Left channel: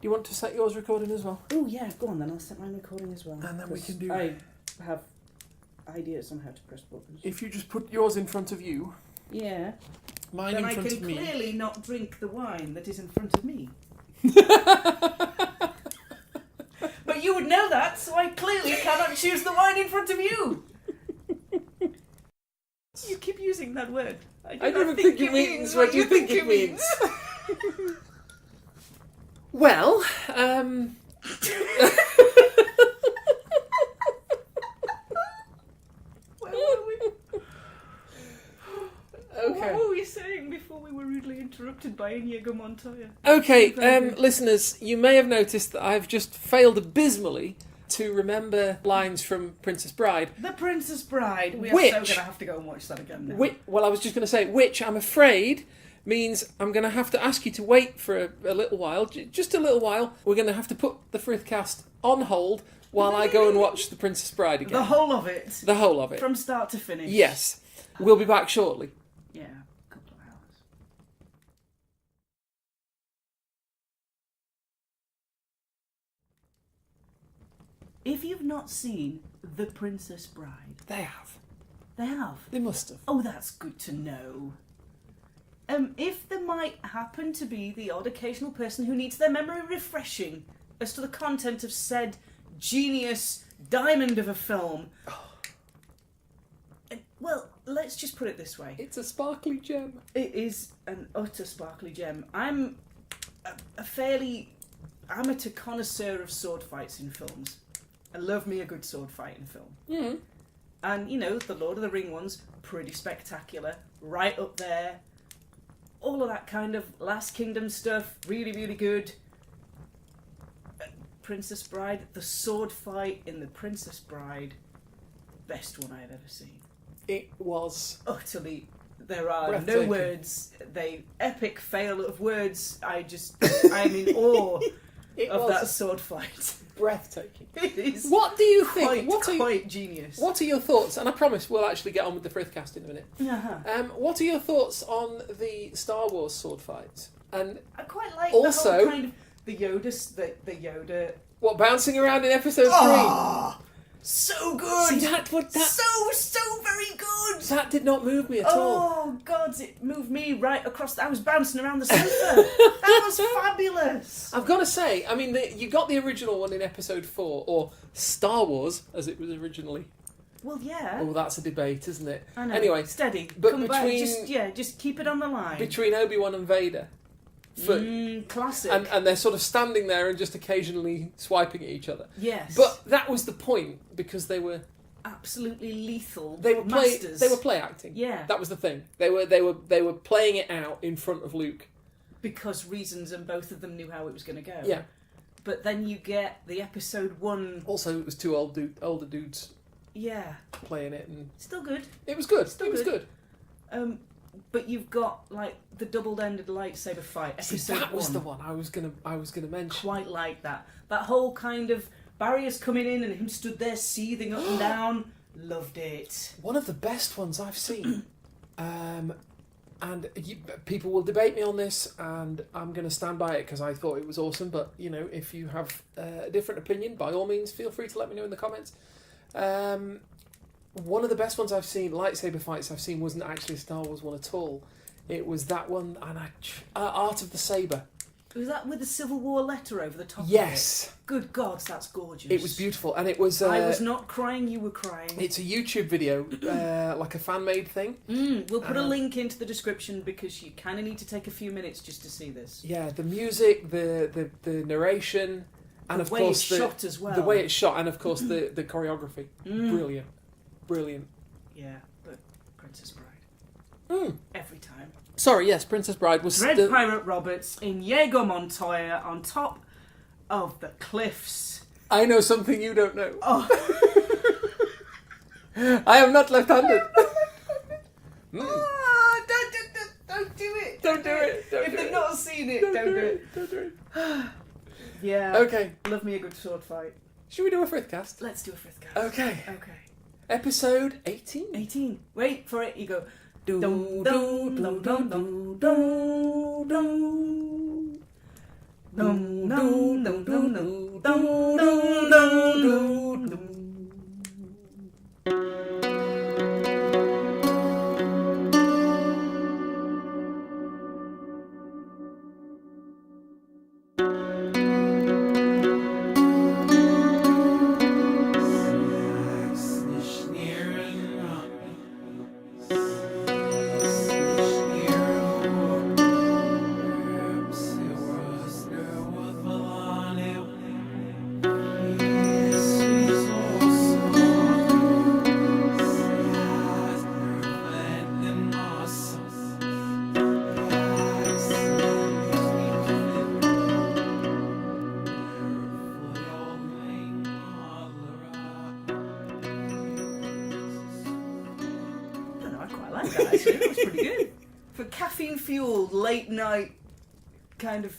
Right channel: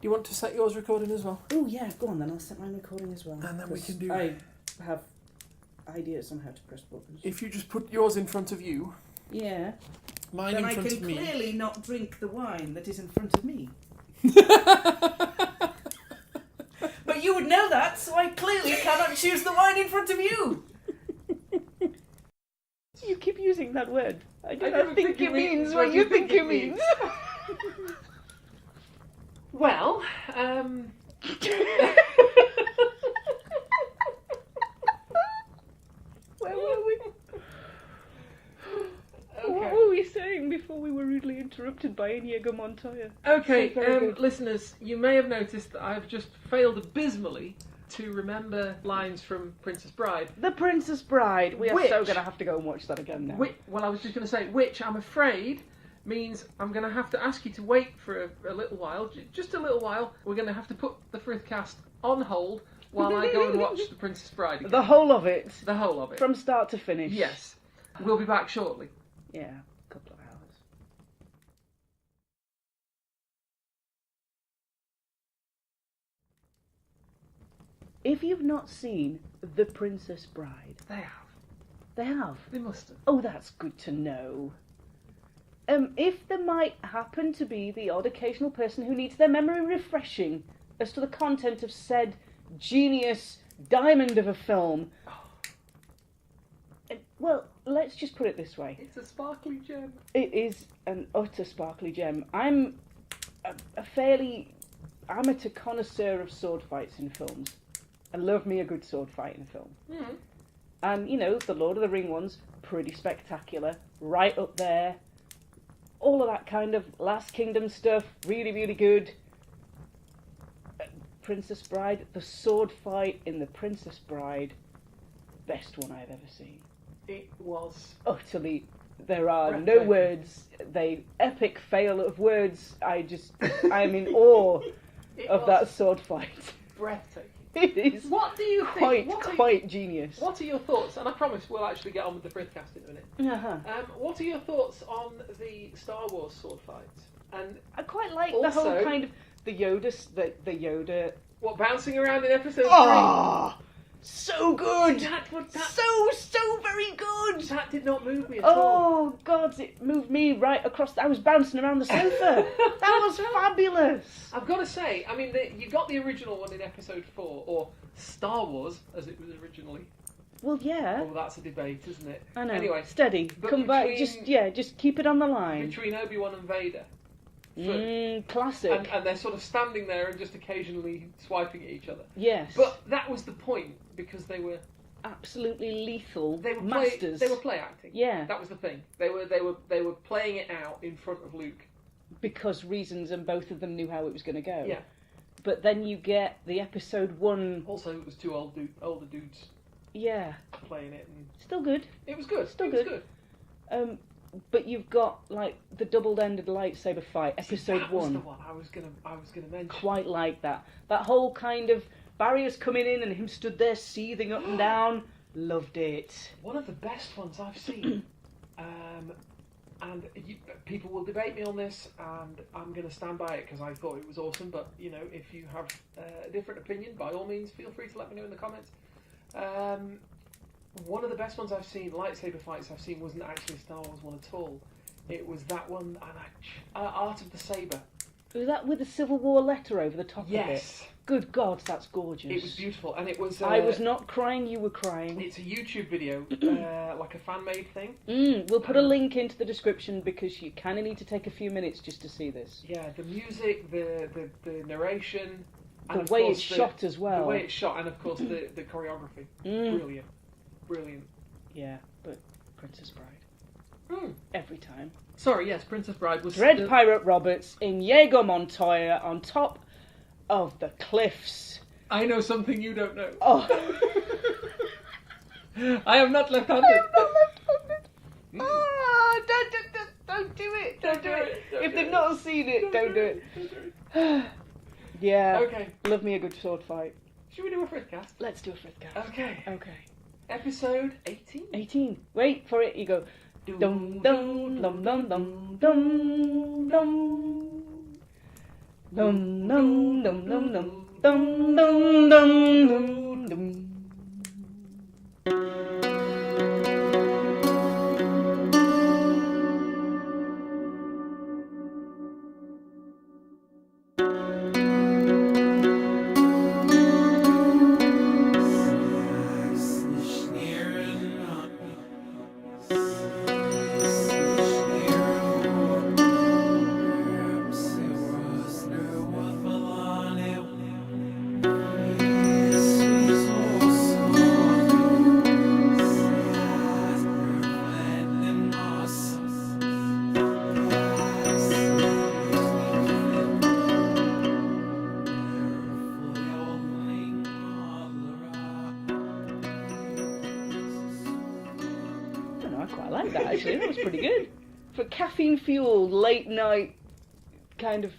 Do you want to set yours recording as well? Oh yeah, go on then. I'll set mine recording as well. And then we can do... I have ideas on how to press buttons. If you just put yours in front of you... Yeah. Mine then in front I of me. can clearly not drink the wine that is in front of me. But you would know that, so I clearly cannot choose the wine in front of you. You keep using that word. I don't think it means what you think it means. Well, Where were we? Okay. What were we saying before we were rudely interrupted by Inigo Montoya? Okay, listeners, you may have noticed that I've just failed abysmally to remember lines from Princess Bride. The Princess Bride. We are so going to have to go and watch that again now. Well, I was just going to say, which I'm afraid means I'm going to have to ask you to wait for a little while, just a little while. We're going to have to put the Frithcast on hold while I go and watch The Princess Bride again. The whole of it? The whole of it. From start to finish? Yes. We'll be back shortly. Yeah, a couple of hours. If you've not seen The Princess Bride... They have. They have? They must have. Oh, that's good to know. If there might happen to be the odd occasional person who needs their memory refreshing as to the content of said genius diamond of a film... Well, let's just put it this way. It's a sparkly gem. It is an utter sparkly gem. I'm a fairly amateur connoisseur of sword fights in films. I love me a good sword fight in a film. Mm. And, you know, the Lord of the Ring ones, pretty spectacular. Right up there. All of that kind of Last Kingdom stuff, really, really good. Princess Bride, the sword fight in The Princess Bride, best one I've ever seen. It was utterly. There are no breathtaking. words. Epic fail of words. I'm in awe of that sword fight. Breathtaking. It is. What do you think? Quite genius. What are your thoughts? And I promise we'll actually get on with the Frithcast in a minute. Uh-huh. What are your thoughts on the Star Wars sword fight? And I quite like also, the whole kind of the Yoda. What, bouncing around in episode 3? So good! See, So very good! That did not move me at all. Oh, God, it moved me right across. I was bouncing around the sofa. That was fabulous. I've got to say, I mean, you got the original one in episode 4, or Star Wars, as it was originally. Well, yeah. Oh, that's a debate, isn't it? I know. Anyway, steady. But Come back. Just keep it on the line. Between Obi-Wan and Vader. Classic. And they're sort of standing there and just occasionally swiping at each other. Yes. But that was the point, because they were absolutely lethal. They were masters. They were play acting. Yeah. That was the thing. They were playing it out in front of Luke. Because reasons, and both of them knew how it was going to go. Yeah. But then you get the episode 1. Also, it was two older dudes. Yeah. Playing it, and still good. It was good. It was good. But you've got like the double-ended lightsaber fight, episode 1. That was the one I was gonna mention. Quite like that. That whole kind of barriers coming in and him stood there seething up and down. Loved it. One of the best ones I've seen. People will debate me on this, and I'm going to stand by it because I thought it was awesome. But you know, if you have a different opinion, by all means, feel free to let me know in the comments. One of the best ones I've seen, lightsaber fights I've seen, wasn't actually a Star Wars one at all. It was that one, and Art of the Saber. Was that with the Civil War letter over the top of it? Yes. Good God, that's gorgeous. It was beautiful, and it was... I was not crying, you were crying. It's a YouTube video, like a fan-made thing. We'll put a link into the description because you kind of need to take a few minutes just to see this. Yeah, the music, the narration... And the way it's shot as well. The way it's shot, and of course the choreography. Brilliant. Yeah, but Princess Bride. Every time. Sorry, yes, Princess Bride was... Dread Pirate Roberts in Inigo Montoya on top of the cliffs. I know something you don't know. Oh. I am not left-handed. Oh, don't do it. Don't do it. If they've not seen it, don't do it. Don't do it. Yeah. Okay. Love me a good sword fight. Should we do a Frithcast? Let's do a Frithcast. Okay. Episode 18? 18. Wait for it. You go. Dum dum dum dum dum dum dum. Dum dum dum dum dum dum dum dum dum. That was pretty good. For caffeine-fueled, late-night kind of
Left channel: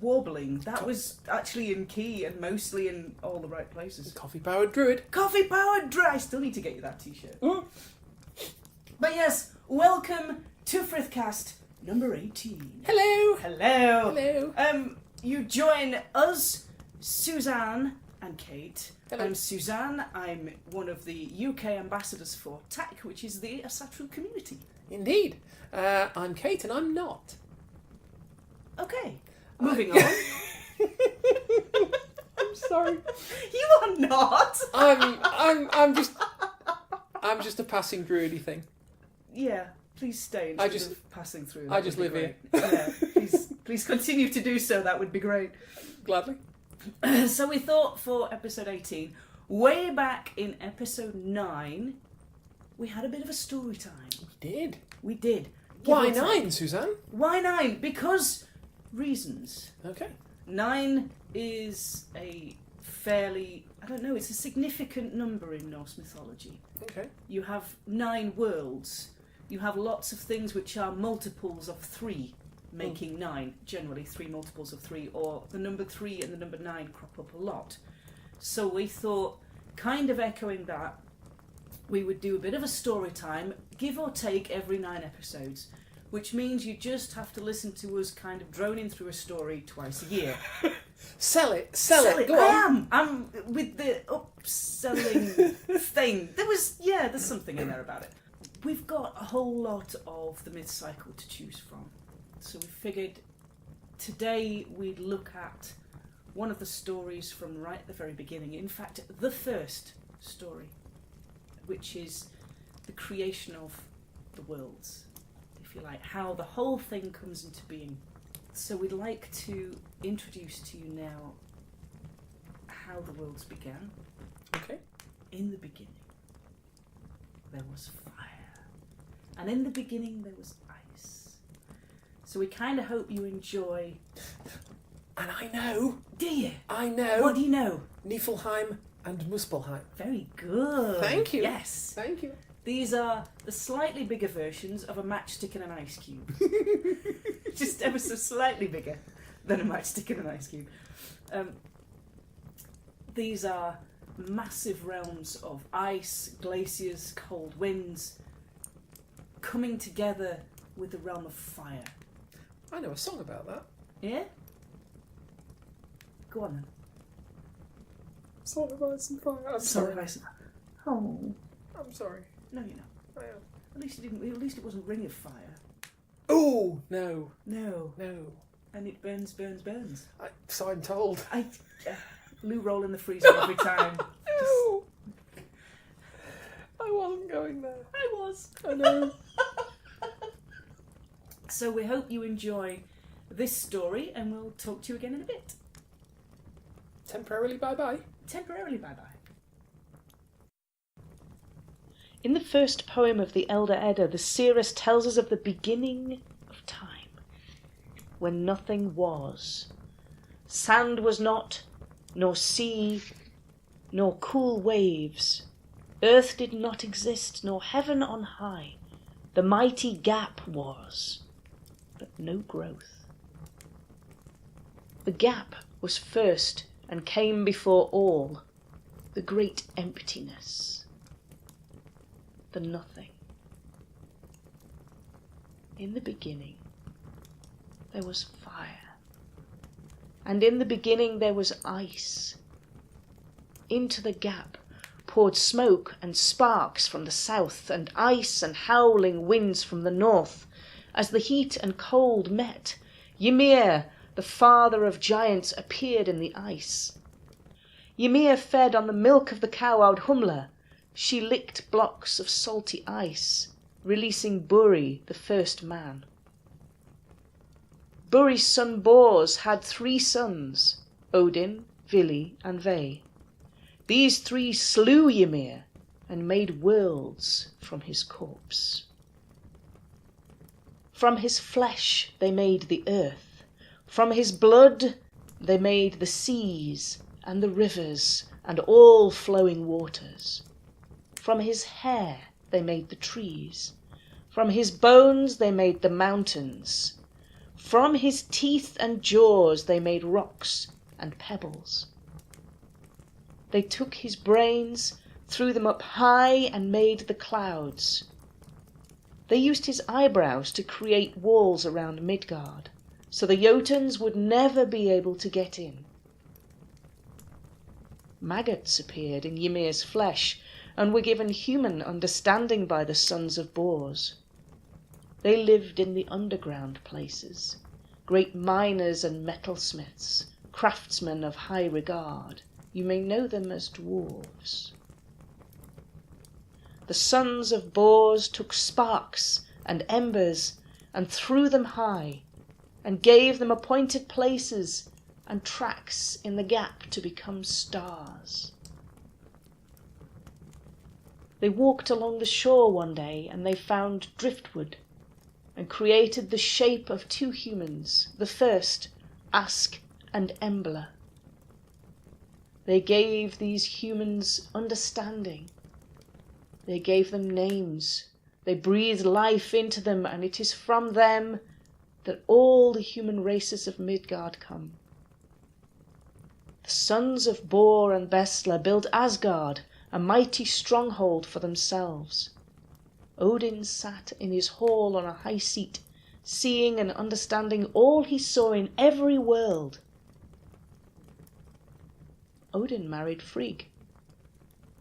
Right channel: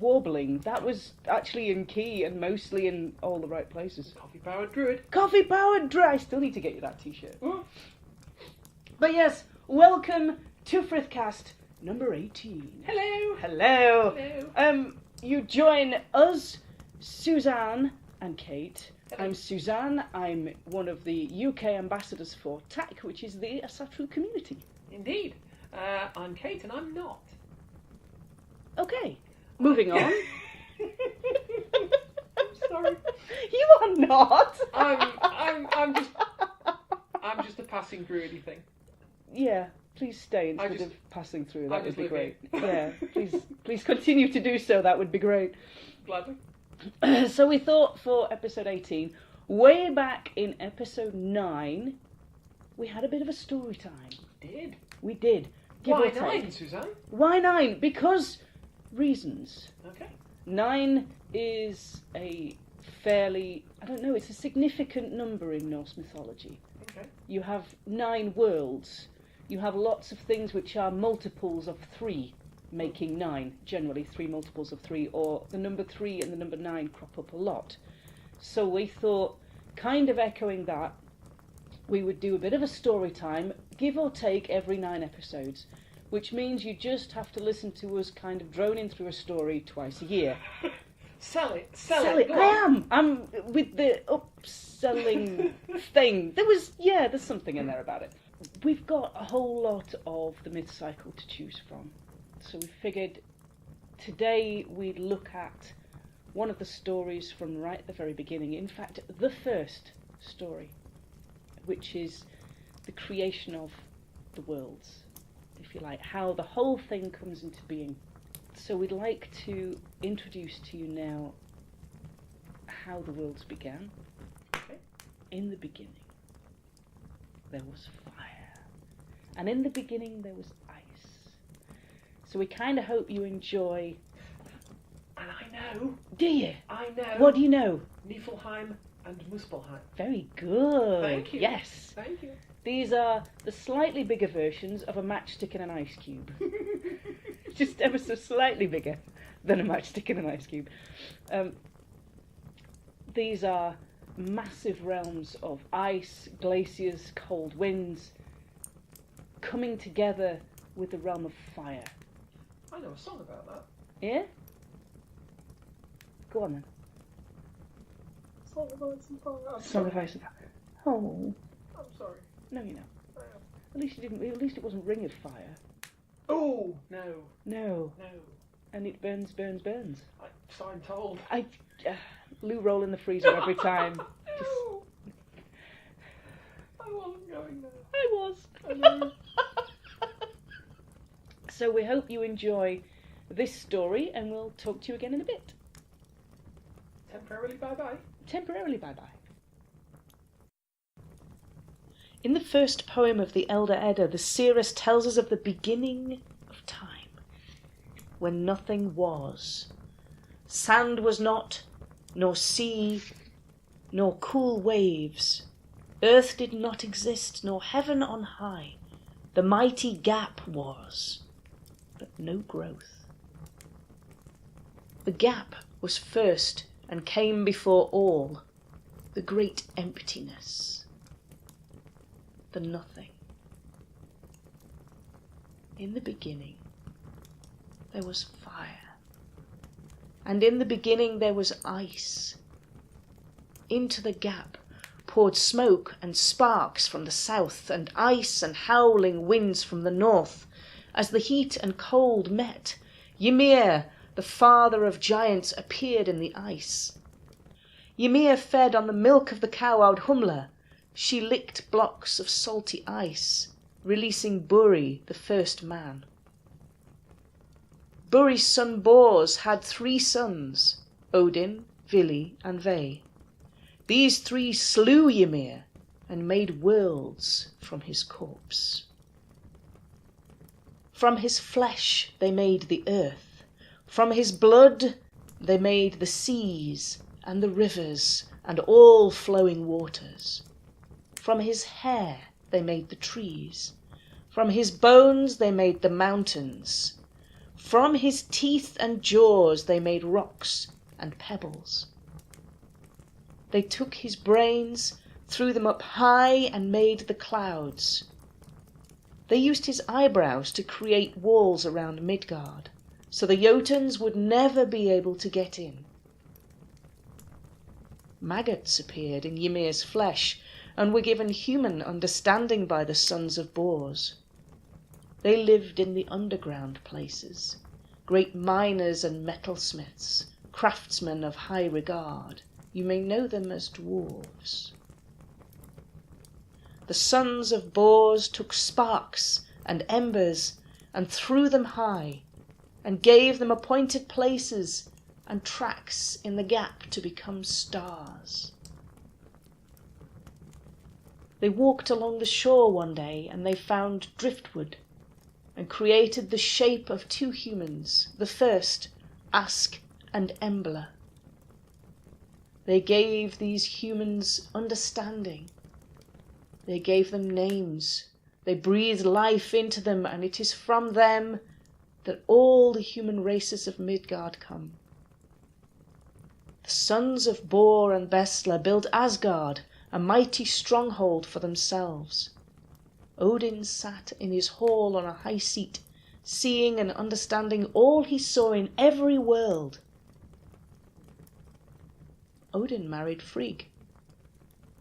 warbling, that was actually in key and mostly in all the right places. Coffee-powered druid. Coffee-powered druid! I still need to get you that t-shirt. But yes, welcome to Frithcast number 18. Hello. Hello. Hello. You join us, Suzanne and Kate. Hello. I'm Suzanne. I'm one of the UK ambassadors for TAC, which is the Asatru community. Indeed. I'm Kate, and I'm not. Okay, moving on. I'm sorry. You are not. I'm just a passing druidy thing. Yeah, please stay instead of passing through. That I just would be live great. Yeah, please continue to do so. That would be great. Gladly. So we thought for episode 18, way back in episode 9, we had a bit of a story time. We did. Why 9, Suzanne? Why 9? Because reasons. Okay. 9 is a fairly, it's a significant number in Norse mythology. Okay. You have 9 worlds. You have lots of things which are multiples of 3. Making 9, generally 3 multiples of 3, or the number 3 and the number 9 crop up a lot. So we thought, kind of echoing that, we would do a bit of a story time, give or take every 9 episodes, which means you just have to listen to us kind of droning through a story twice a year. Sell it. Go on. I'm with the upselling thing. There's something in there about it. We've got a whole lot of the myth cycle to choose from. So we figured today we'd look at one of the stories from right at the very beginning. In fact, the first story, which is the creation of the worlds, if you like, how the whole thing comes into being. So we'd like to introduce to you now how the worlds began. Okay. In the beginning, there was fire. And in the beginning, there was ice. So we kind of hope you enjoy. And I know. Do you? I know. What do you know? Niflheim and Muspelheim. Very good. Thank you. Yes. Thank you. These are the slightly bigger versions of a matchstick and an ice cube. Just ever so slightly bigger than a matchstick and an ice cube. These are massive realms of ice, glaciers, cold winds, coming together with the realm of fire. I know a song about that. Yeah? Go on then. Song of Ice and Fire. I'm Song sorry. of Ice and Fire. Oh. I'm sorry. No, you know. I am. At least it wasn't Ring of Fire. Oh no. No. No. And it burns. So I'm told. Lou roll in the freezer every time. No. I wasn't going there. I was. I know. So we hope you enjoy this story, and we'll talk to you again in a bit. Temporarily bye-bye. Temporarily bye-bye. In the first poem of the Elder Edda, the seeress tells us of the beginning of time, when nothing was. Sand was not, nor sea, nor cool waves. Earth did not exist, nor heaven on high. The mighty gap was, but no growth. The gap was first and came before all, the great emptiness, the nothing. In the beginning, there was fire, and in the beginning there was ice. Into the gap poured smoke and sparks from the south, and ice and howling winds from the north. As the heat and cold met, Ymir, the father of giants, appeared in the ice. Ymir fed on the milk of the cow Audhumla. She licked blocks of salty ice, releasing Buri, the first man. Buri's son Bors had 3 sons, Odin, Vili, and Ve. These 3 slew Ymir and made worlds from his corpse. From his flesh they made the earth. From his blood they made the seas and the rivers and all flowing waters. From his hair they made the trees. From his bones they made the mountains. From his teeth and jaws they made rocks and pebbles. They took his brains, threw them up high, and made the clouds. They used his eyebrows to create walls around Midgard, so the Jotuns would never be able to get in. Maggots appeared in Ymir's flesh, and were given human understanding by the sons of Bors. They lived in the underground places, great miners and metalsmiths, craftsmen of high regard. You may know them as dwarves. The sons of Bors took sparks and embers and threw them high, and gave them appointed places and tracks in the gap to become stars. They walked along the shore one day, and they found driftwood, and created the shape of 2 humans, the first, Ask and Embla. They gave these humans understanding. They gave them names. They breathed life into them, and it is from them that all the human races of Midgard come. The sons of Bor and Bestla built Asgard, a mighty stronghold for themselves. Odin sat in his hall on a high seat, seeing and understanding all he saw in every world. Odin married Frigg,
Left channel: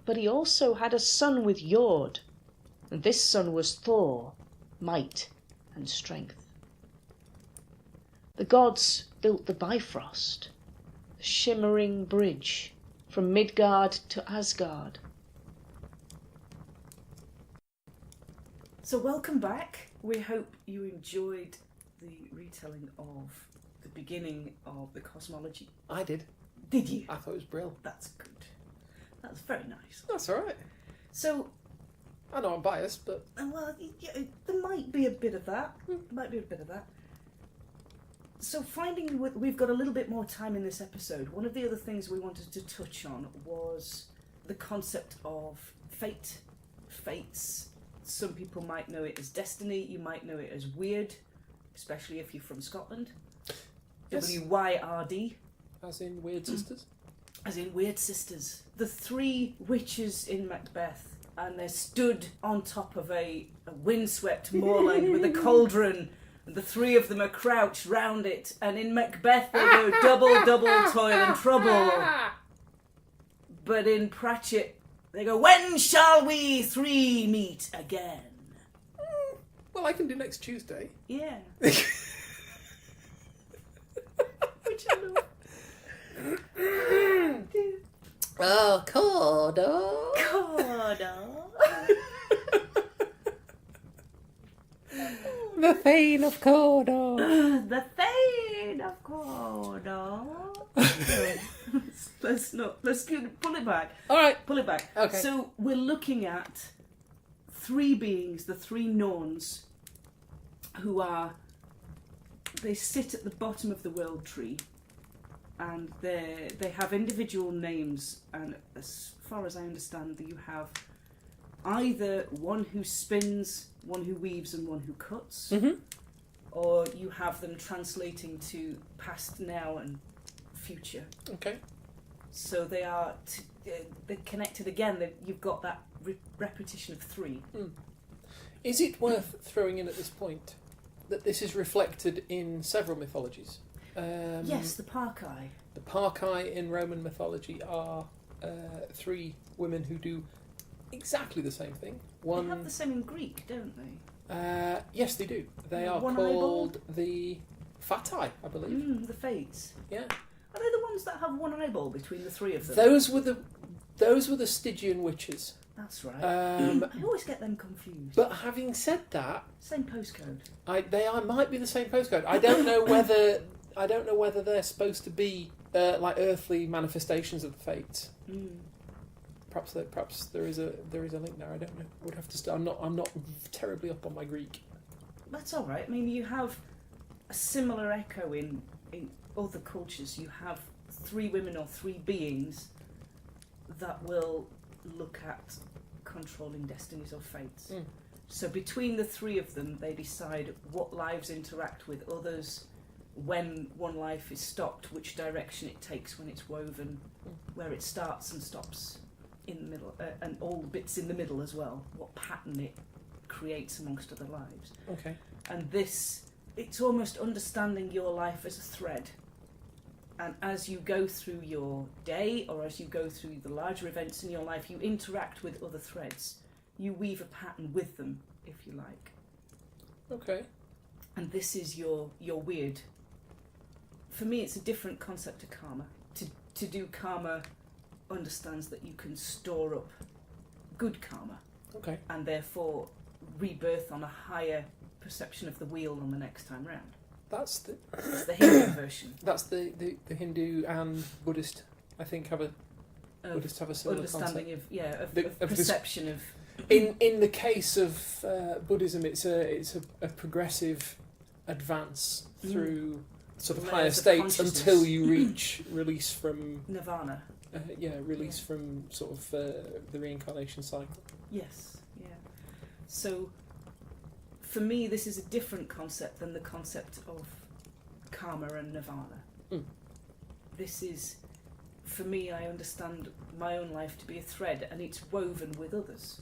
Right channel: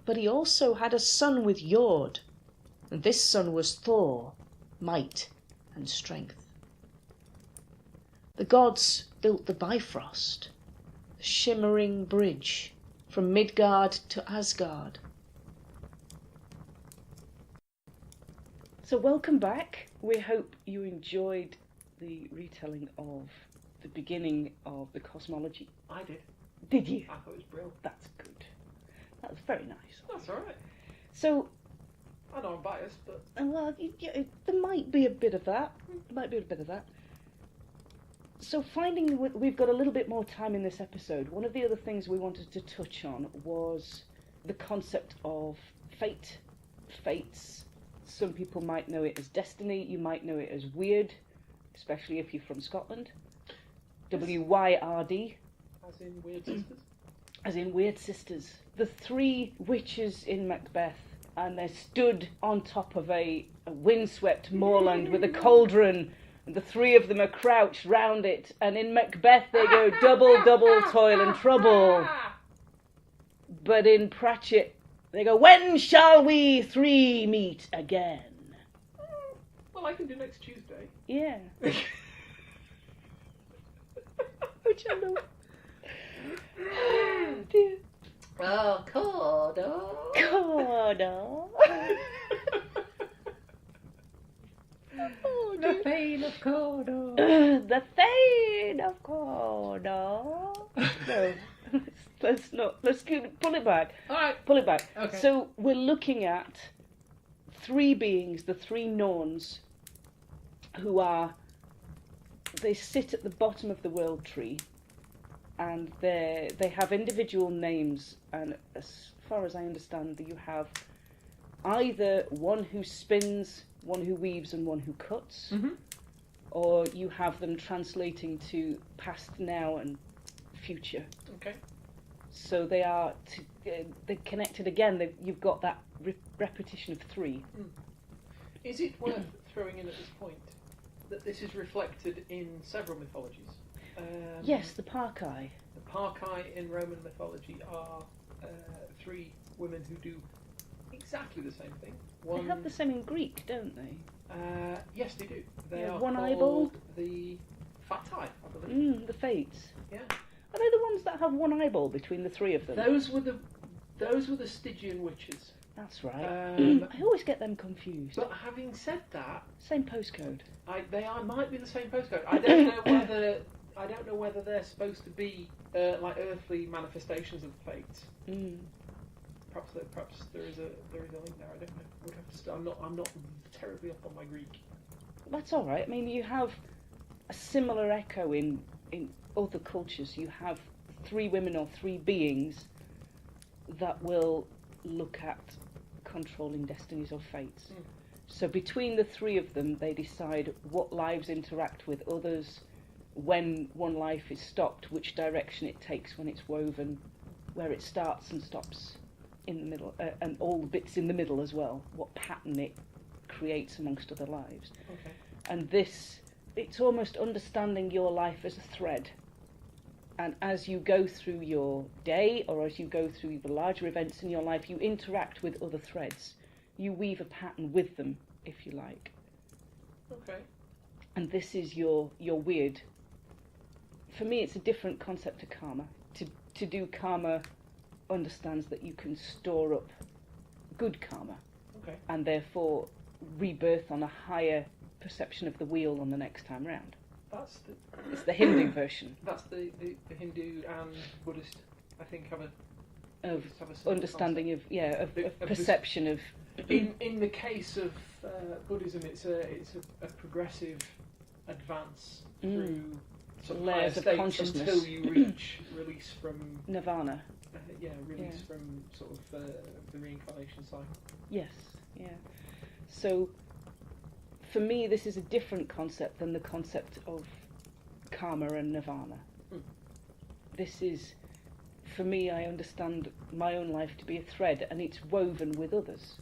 but he also had a son with Jord, and this son was Thor, might and strength. The gods built the Bifrost, the shimmering bridge from Midgard to Asgard. So welcome back. We hope you enjoyed the retelling of the beginning of the cosmology. I did. Did you? I thought it was brilliant. That's good. That was very nice. That's all right. So, I know I'm biased, but well, there might be a bit of that. So we've got a little bit more time in this episode. One of the other things we wanted to touch on was the concept of fate, fates. Some people might know it as destiny. You might know it as weird, especially if you're from Scotland. Yes. WYRD. As in Weird Sisters? As in Weird Sisters. The 3 witches in Macbeth, and they're stood on top of a windswept moorland with a cauldron, and the 3 of them are crouched round it, and in Macbeth they go double, double, toil and trouble. But in Pratchett they go, when shall we 3 meet again? Well, I can do next Tuesday. Yeah. Which I know. Oh, dear. Oh, Cordo. The Thane of Cordo. The Thane of Cordo. Let's pull it back. All right. Pull it back. Okay. So we're looking at 3 beings, the 3 Norns, who they sit at the bottom of the world tree, and they have individual names, and as far as I understand, you have either one who spins, one who weaves, and one who cuts, or you have them translating to past, now, and future. Okay. So they are they're connected again. You've got that repetition of 3. Is it worth throwing in at this point that this is reflected in several mythologies? Yes, the Parkai. The Parkai in Roman mythology are 3 women who do exactly the same thing. They have the same in Greek, don't they? Yes, they do. They are one called eyeball. the Fatai, I believe. The Fates. Yeah. Are they the ones that have one eyeball between the 3 of them? Those were the Stygian witches. That's right. I always get them confused. But having said that, Same postcode. they might be the same postcode. I don't know whether they're supposed to be like earthly manifestations of the Fates. Perhaps there is a link there. I don't know. Would have to. I'm not terribly up on my Greek. That's all right. I mean, you have a similar echo in other cultures. You have 3 women or 3 beings that will look at controlling destinies or fates. So between the 3 of them, they decide what lives interact with others, when one life is stopped, which direction it takes when it's woven, where it starts and stops in the middle, and all the bits in the middle as well, what pattern it creates amongst other lives. Okay. And it's almost understanding your life as a thread. And as you go through your day, or as you go through the larger events in your life, you interact with other threads. You weave a pattern with them, if you like. Okay. And this is your weird. For me, it's a different concept to karma. To do karma understands that you can store up good karma. Okay. And therefore rebirth on a higher perception of the wheel on the next time round. It's the Hindu version. That's the Hindu and Buddhist. I think have a similar understanding concept. of perception of. In the case of Buddhism, it's a progressive advance through sort of higher Layers of states until you reach release from nirvana. Release from sort of the reincarnation cycle. Yes, yeah. So, for me, this is a different concept than the concept of karma and nirvana. This is, for me, I understand my own life to be a thread, and it's woven with others.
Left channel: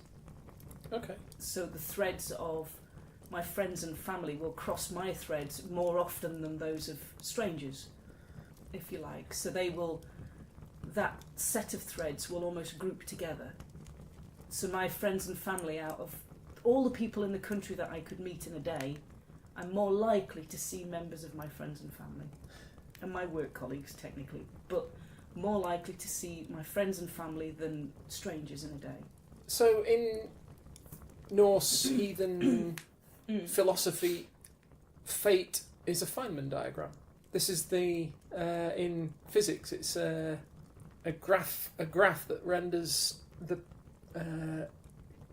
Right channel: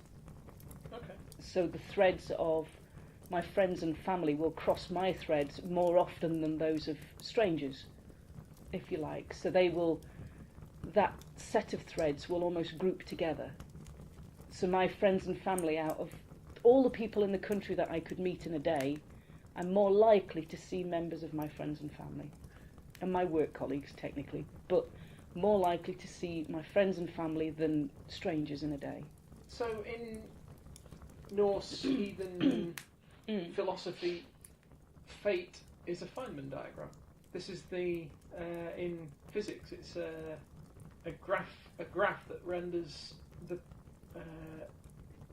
Okay. So the threads of my friends and family will cross my threads more often than those of strangers, if you like. So that set of threads will almost group together. So my friends and family, out of all the people in the country that I could meet in a day, I'm more likely to see members of my friends and family, and my work colleagues technically, but more likely to see my friends and family than strangers in a day. So in Norse heathen philosophy, fate is a Feynman diagram. This is in physics, it's a graph that renders the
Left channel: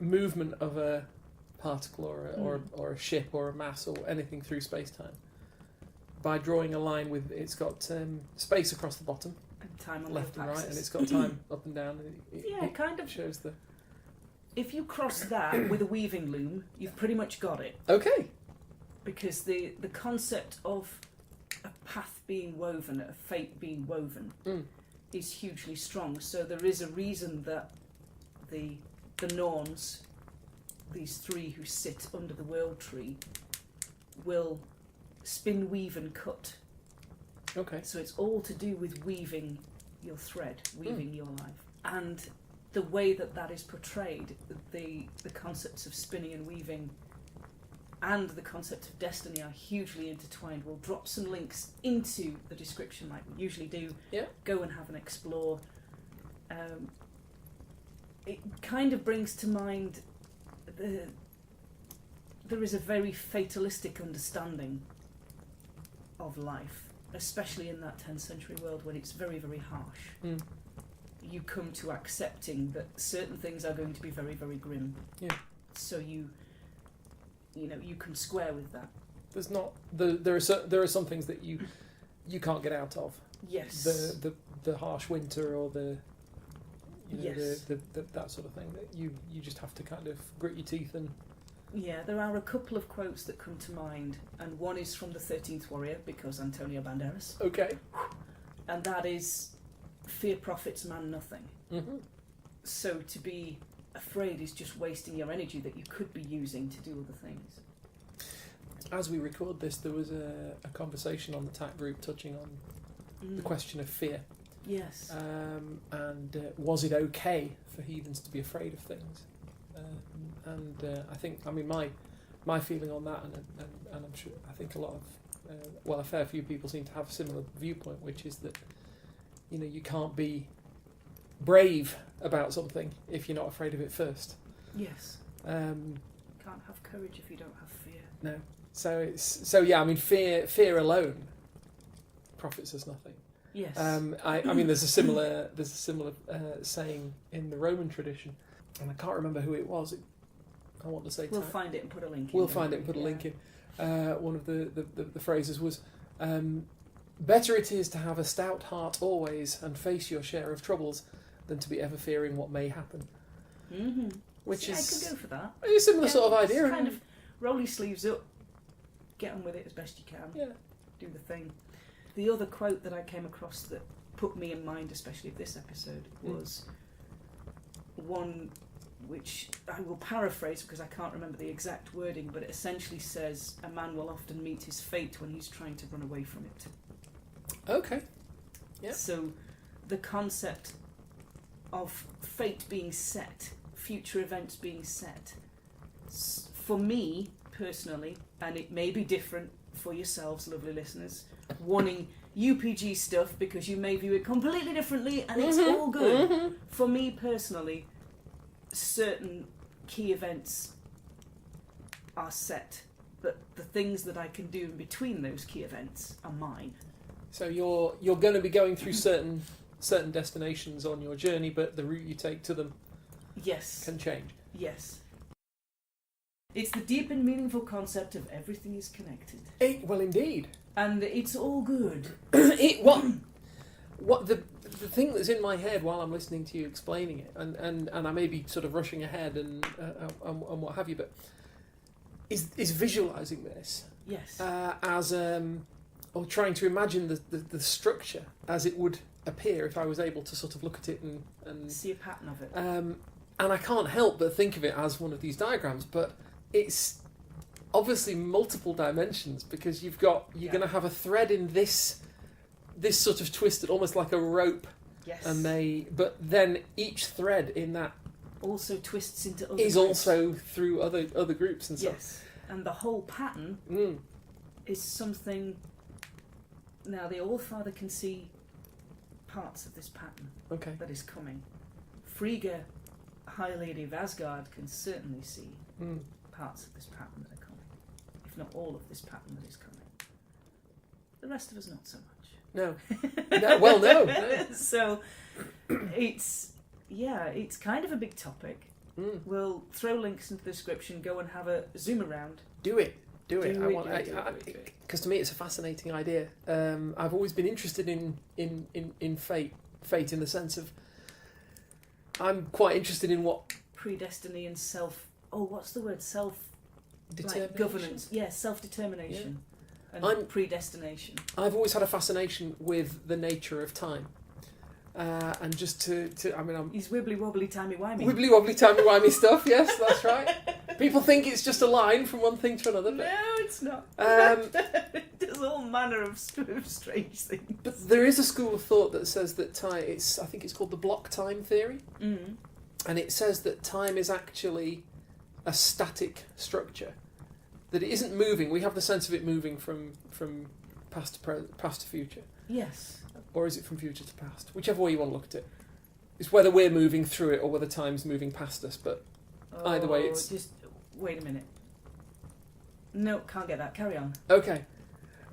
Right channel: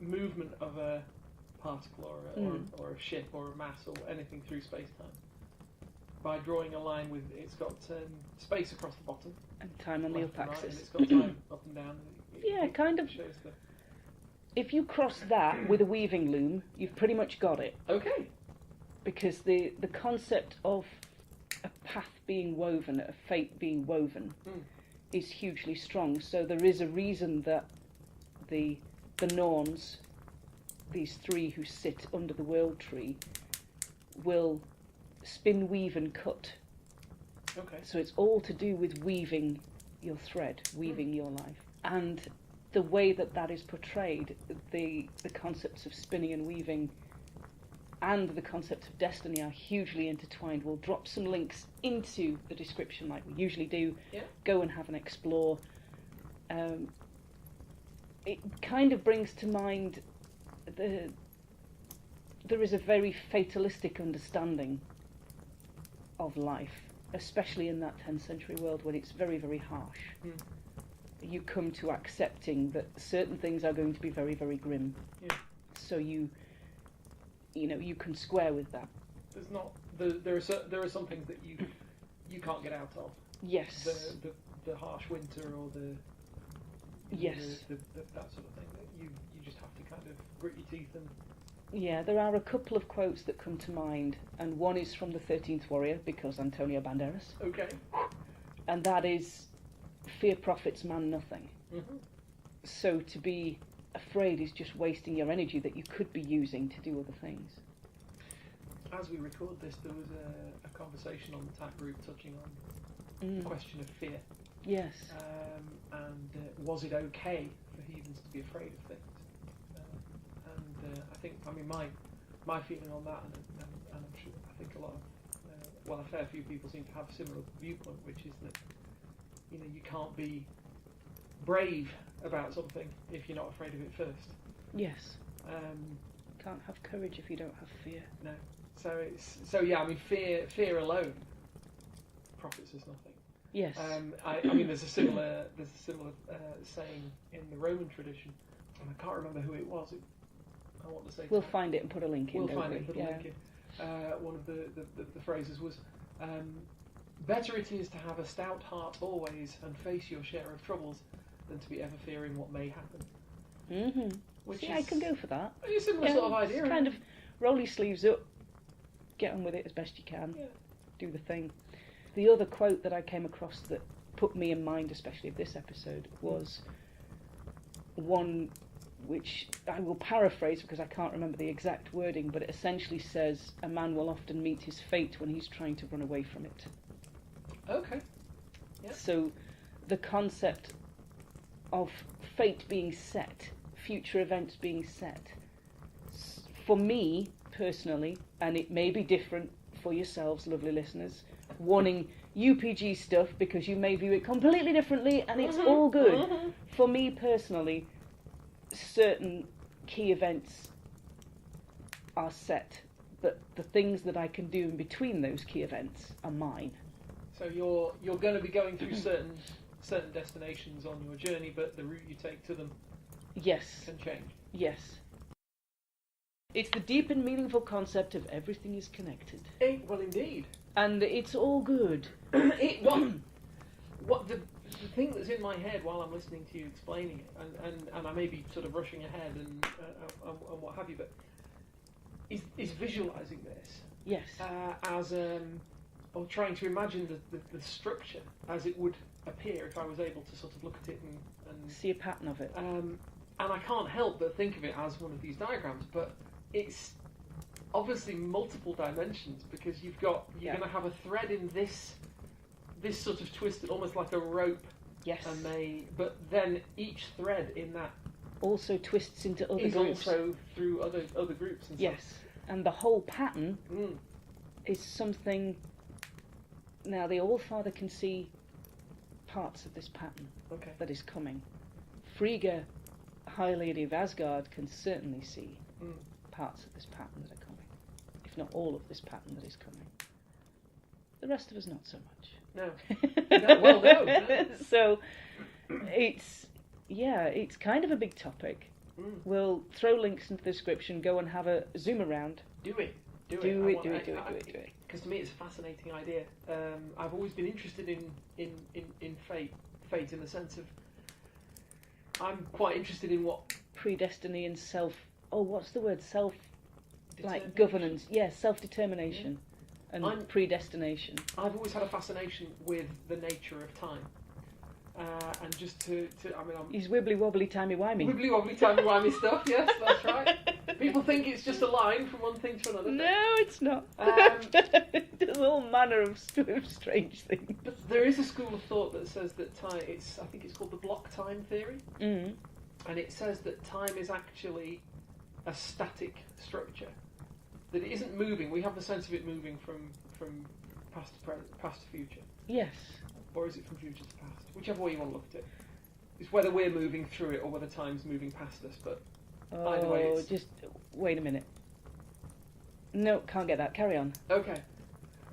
movement of a particle or a ship or a mass or anything through space-time by drawing a line with it's got space across the bottom and time on left the and right, axis. and it's got time up and down. It kind of shows the. If you cross that with a weaving loom, you've pretty much got it. Okay. Because the concept of a path being woven, a fate being woven, is hugely strong. So there is a reason that the Norns, these 3 who sit under the world tree, will spin, weave and cut. Okay. So it's all to do with weaving your thread, weaving your life. And the way that is portrayed, the concepts of spinning and weaving and the concept of destiny are hugely intertwined. We'll drop some links into the description like we usually do. Yeah. Go and have an explore. It kind of brings to mind there is a very fatalistic understanding of life, especially in that 10th century world when it's very, very harsh. You come to accepting that certain things are going to be very, very grim. Yeah. So you can square with that. There's not there are some things that you can't get out of. Yes. The harsh winter or the yes. the that sort of thing that you just have to kind of grit your teeth and. Yeah, there are a couple of quotes that come to mind, and one is from the 13th Warrior because Antonio Banderas. Okay. And that is, fear profits man nothing. Mm-hmm. So to be afraid is just wasting your energy that you could be using to do other things. as we record this, there was a conversation on the TAC group touching on the question of fear. Yes. And was it okay for heathens to be afraid of things? I think, I mean, my feeling on that, and I'm sure, I think a lot of, a fair few people seem to have a similar viewpoint, which is that, you know, you can't be brave about something if you're not afraid of it first. Yes. Can't have courage if you don't have fear. No. So yeah, I mean, fear alone profits us nothing. Yes. I mean, there's a similar saying in the Roman tradition, and I can't remember who it was. I want to say we'll find it and put a link in. We'll find it and put a link in. One of the phrases was, better it is to have a stout heart always and face your share of troubles than to be ever fearing what may happen. Mm-hmm. Which I can go for that. It's a similar sort of idea. Kind of roll your sleeves up, get on with it as best you can, do the thing. The other quote that I came across that put me in mind, especially of this episode, was one which I will paraphrase because I can't remember the exact wording, but it essentially says, a man will often meet his fate when he's trying to run away from it. Okay. Yeah. So the concept of fate being set, future events being set, for me personally, and it may be different for yourselves, lovely listeners, wanting UPG stuff because you may view it completely differently and it's all good. Mm-hmm. For me personally, certain key events are set, but the things that I can do in between those key events are mine. So you're going to be going through certain destinations on your journey, but the route you take to them can change. Yes. It's the deep and meaningful concept of everything is connected. Well, indeed. And it's all good. What the thing that's in my head while I'm listening to you explaining it, and I may be sort of rushing ahead and what have you, but is visualising this. Yes. As or trying to imagine the structure as it would appear if I was able to sort of look at it and see a pattern of it. And I can't help but think of it as one of these diagrams, but it's obviously multiple dimensions because you're going to have a thread in this sort of twisted, almost like a rope. Yes. But then each thread in that also twists into other is groups. Also through other groups and stuff. Yes. And the whole pattern is something. Now the Allfather can see parts of this pattern that is coming. Frigga, High Lady of Asgard, can certainly see parts of this pattern that are coming, if not all of this pattern that is coming. The rest of us not so much. No. No. So it's kind of a big topic. We'll throw links into the description. Go and have a zoom around. Do it. it. Because to me, it's a fascinating idea. I've always been interested in fate in the sense of I'm quite interested in what predestiny and self. Oh, what's the word? Self. Determination. Like governance. Yes, self-determination. Yeah. And predestination. I've always had a fascination with the nature of time. And just to he's wibbly wobbly timey wimey. Wibbly wobbly timey wimey stuff. Yes, that's right. People think it's just a line from one thing to another. But, no, it's not. It does all manner of strange things. But there is a school of thought that says that time. I think it's called the block time theory, and it says that time is actually a static structure. That it isn't moving. We have the sense of it moving from past to future. Yes. Or is it from future to past? Whichever way you want to look at it. It's whether we're moving through it or whether time's moving past us, but either way it's... Just wait a minute. No, can't get that. Carry on. Okay.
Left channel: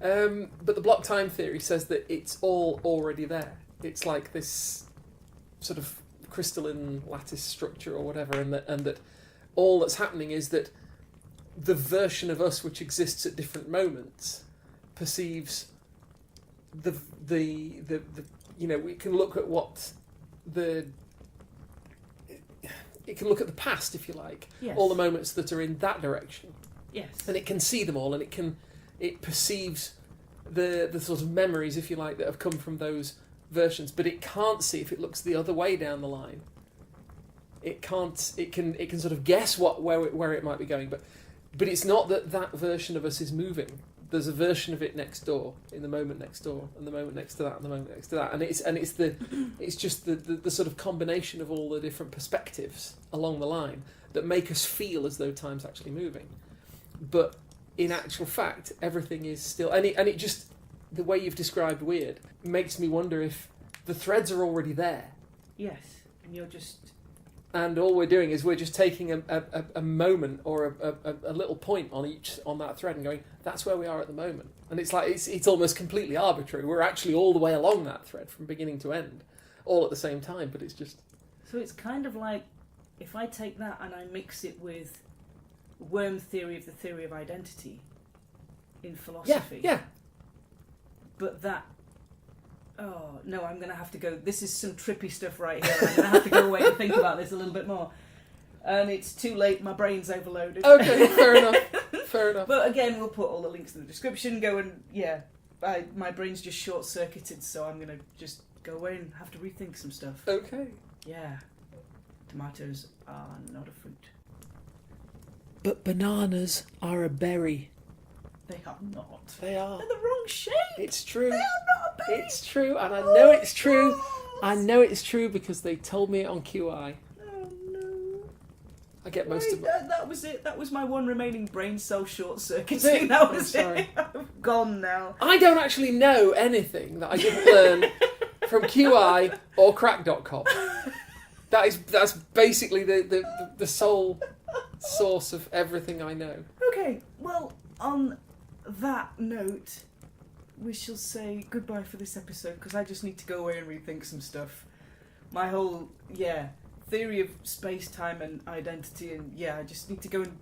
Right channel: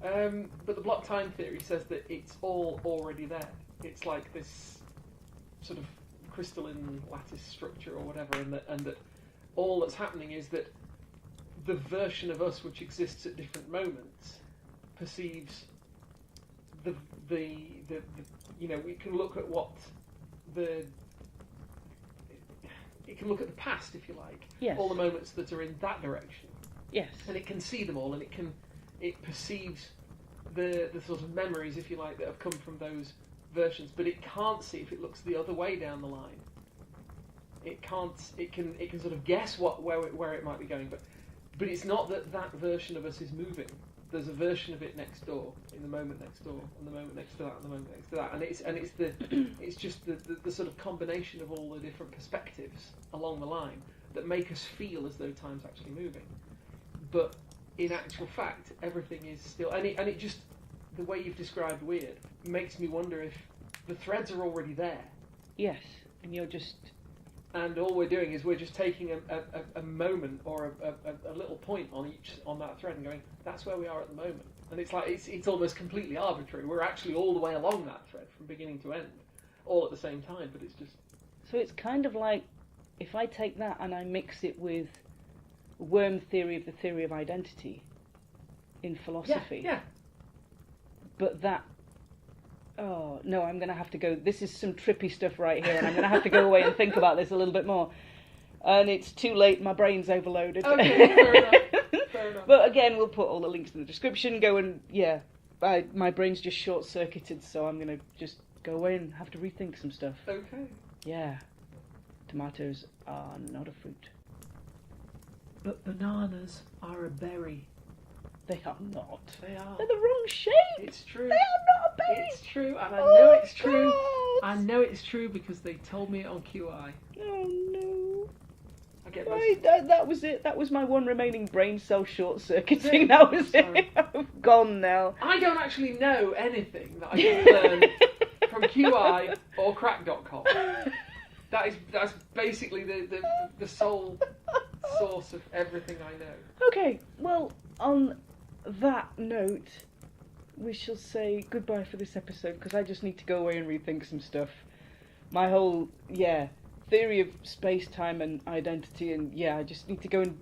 But the block time theory says that it's all already there. It's like this sort of crystalline lattice structure or whatever, and that all that's happening is that the version of us which exists at different moments perceives the we can look at it can look at the past, if you like, yes. all the moments that are in that direction, yes, and it can see them all, and it perceives the sort of memories, if you like, that have come from those versions, but it can't see if it looks the other way down the line. It can't. It can sort of guess where it might be going, but But it's not that version of us is moving. There's a version of it next door, in the moment next door, and the moment next to that, and the moment next to that, and it's just the sort of combination of all the different perspectives along the line that make us feel as though time's actually moving. But in actual fact, everything is still, and it just, the way you've described weird makes me wonder if the threads are already there. Yes, and you're just... And all we're doing is we're just taking a moment or a little point on that thread and going, that's where we are at the moment. And it's like it's almost completely arbitrary. We're actually all the way along that thread from beginning to end, all at the same time. But it's just... So it's kind of like, if I take that and I mix it with worm theory of the theory of identity in philosophy. Yeah. But that... Oh, no, I'm going to have to go... This is some trippy stuff right here, and I'm going to have to go away and think about this a little bit more. And it's too late, my brain's overloaded. Okay, fair enough. But again, we'll put all the links in the description. Go and, my brain's just short-circuited, so I'm going to just go away and have to rethink some stuff. Okay. Yeah. Tomatoes are not a fruit. But bananas are a berry. They are not. They are. They're the wrong shape. It's true. They are not a berry. It's true, and I know it's true. God. I know it's true because they told me it on QI. Oh no. I get most of it. That was it. That was my one remaining brain cell short-circuiting. Is it? That was I'm sorry. it. I'm gone now. I don't actually know anything that I didn't learn from QI or crack.com. That's basically the sole source of everything I know. Okay, well, on that note, we shall say goodbye for this episode, because I just need to go away and rethink some stuff. My whole, theory of space-time and identity, and I just need to go and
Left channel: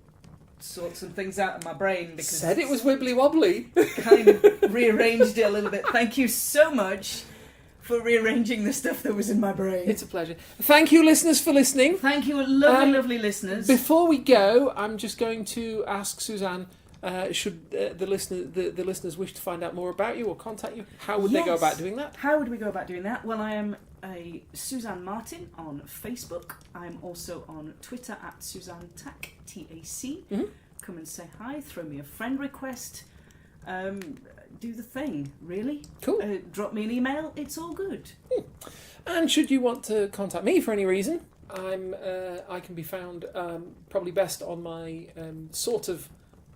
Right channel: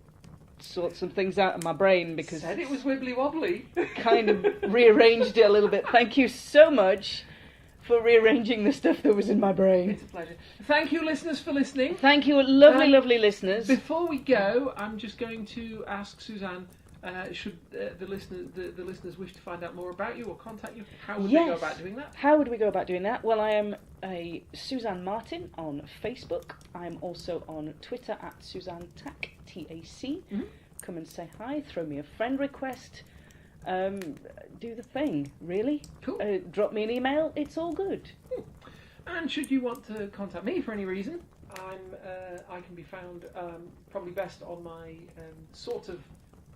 sort some things out in my brain, because... Said it was wibbly-wobbly. Kind of rearranged it a little bit. Thank you so much for rearranging the stuff that was in my brain. It's a pleasure. Thank you, listeners, for listening. Thank you, lovely listeners. Before we go, I'm just going to ask Suzanne, should the listeners wish to find out more about you or contact you, how would they go about doing that? How would we go about doing that? Well, I am a Suzanne Martin on Facebook. I am also on Twitter at Suzanne Tac, T-A-C. Mm-hmm. Come and say hi, throw me a friend request. Do the thing, really. Cool. Drop me an email, it's all good. And should you want to contact me for any reason, I can be found probably best on my sort of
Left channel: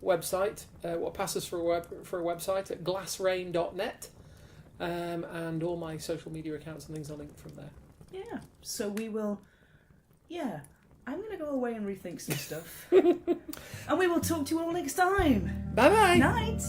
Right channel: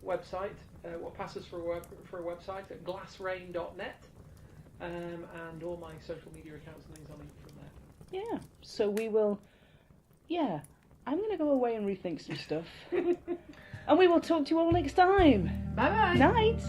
website, what passes for a website at glassrain.net, and all my social media accounts and things are linked from there. Yeah, so we will, I'm going to go away and rethink some stuff. And we will talk to you all next time. Bye-bye. Night.